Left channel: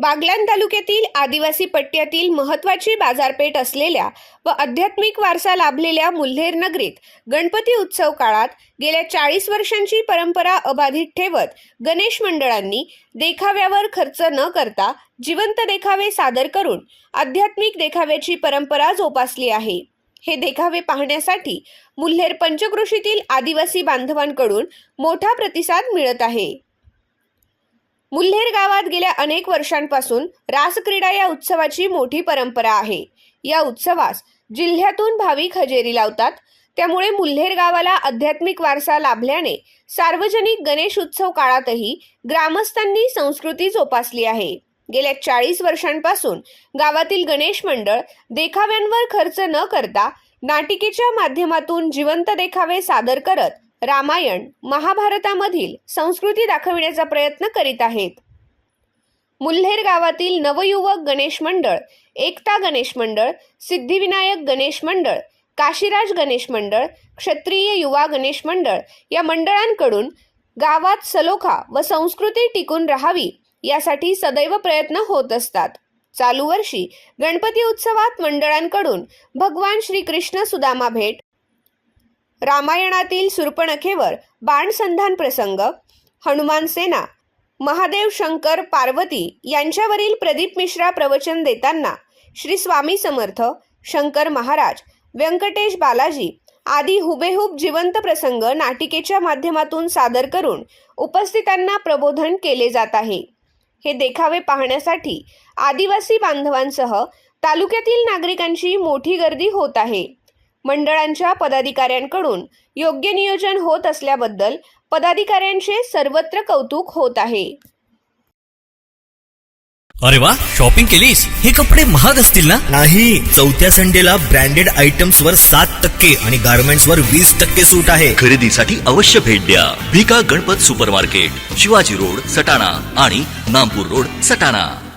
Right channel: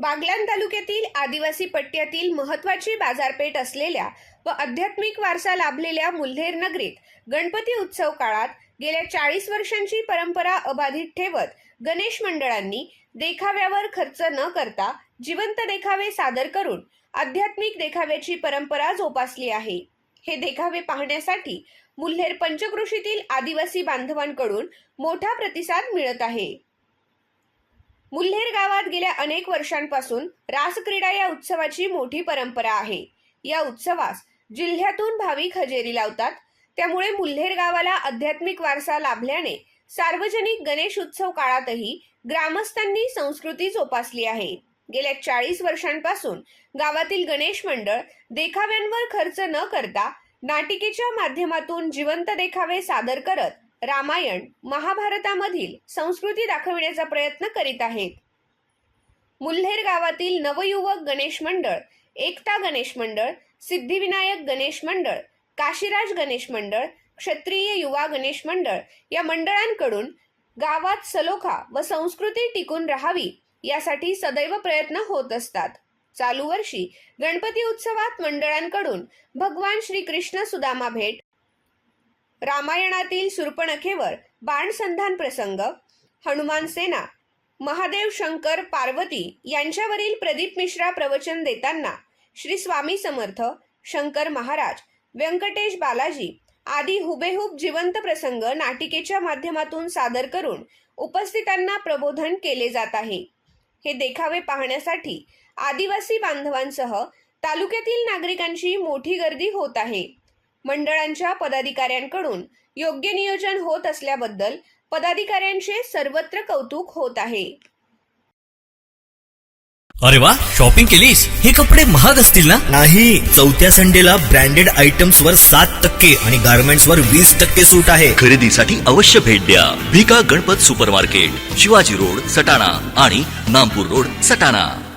बागलाण तालुक्यातील आदिवासी पट्ट्यातील महत्त्वाची बाजारपेठ असलेल्या व आध्यात्मिक वारसा लाभलेल्या मुल्हेर नगरीत गणपती उत्सव काळात गेल्या चाळीस वर्षांची परंपरा अबाधित ठेवत गणेश मंडळांनी देखाव्यावर खर्च न करता जिवंत देखावे सादर करून आध्यात्मिक देखाव्याची परंपरा जोपासली आहे. हे देखावे पाहण्यासाठी मुल्हेर पंचकृषीतील आदिवासी बांधवांकडून मोठा प्रतिसाद मिळत आहे. मुल्हेर गावात गेल्या अनेक वर्षांपासून रासक्रीडा या उत्सवाची मोठी परंपरा आहे. या उत्सवास जिल्ह्यातून भाविक हजेरी लावतात. त्यामुळे मुल्हेर गावाला आध्यात्मिक वारसा लाभल्याने सार्वजनिक गणेश उत्सव काळातही ग्रामस्थांनी संस्कृती जोपासली आहे. गेल्या चाळीस वर्षांपासून गावातील गणेश मंडळ देखाव्यांवर खर्च न करता नाटिकेच्या माध्यमातून जिवंत देखावे सादर करत रामायण महाभारतामधील संस्कृती दाखविण्याचा प्रयत्न करीत आहेत. मुल्हेर गावातील नवयुवक गणेश मंडळ एकता गणेश मंडळ सिद्धिविनायक गणेश मंडळ काशीराज गणेश मंडळ क्षत्रिय युवा गणेश मंडळ या मंडळांकडून गावात सलोखा व संस्कृती टिकून राहावी यासाठी सदैव प्रयत्न होत असतात. चालू वर्षी गणपती उत्सवात मंडळांकडून भगवान श्री कृष्ण सुदामा भेट रामायणातील सुर्पणखेवर बाणसंधान प्रसंग हनुमान सेना महादेव शंकर पार्वती यांच्यावरील प्रदीप मिश्रा प्रवचन देताना श्री स्वामी समर्थ शंकर महाराज व्यंकटेश बालाजी आदी हुबेहूब जिवंत प्रसंग नाटिकेच्या माध्यमातून सादर करून उपस्थितांना प्रबोधन केले जात आहे. हे देखावे पाहण्यासाठी आदिवासी बांधवांसह तालुक्यातील नागरिकांची मोठी गर्दी होत आहे. मंडळांच्या पदाधिकाऱ्यांकडून योग्य नियोजन होत असल्याबद्दल पदाधिकाऱ्यांचे सर्वत्र कौतुक होत आहे. अरे वा शॉपिंग केलीस? हे कपडे महाग असतील ना? नाही चौथ्या संडेला ब्रँडेड आयटम्स वर सात टक्के आणि गारमेंट्स वर वीस टक्के सूट आहे. खरेदीसाठी अवश्य भेट द्या. Bhika Ganpat super market Shivaji road Satana आणि नामपूर रोड सटाणा.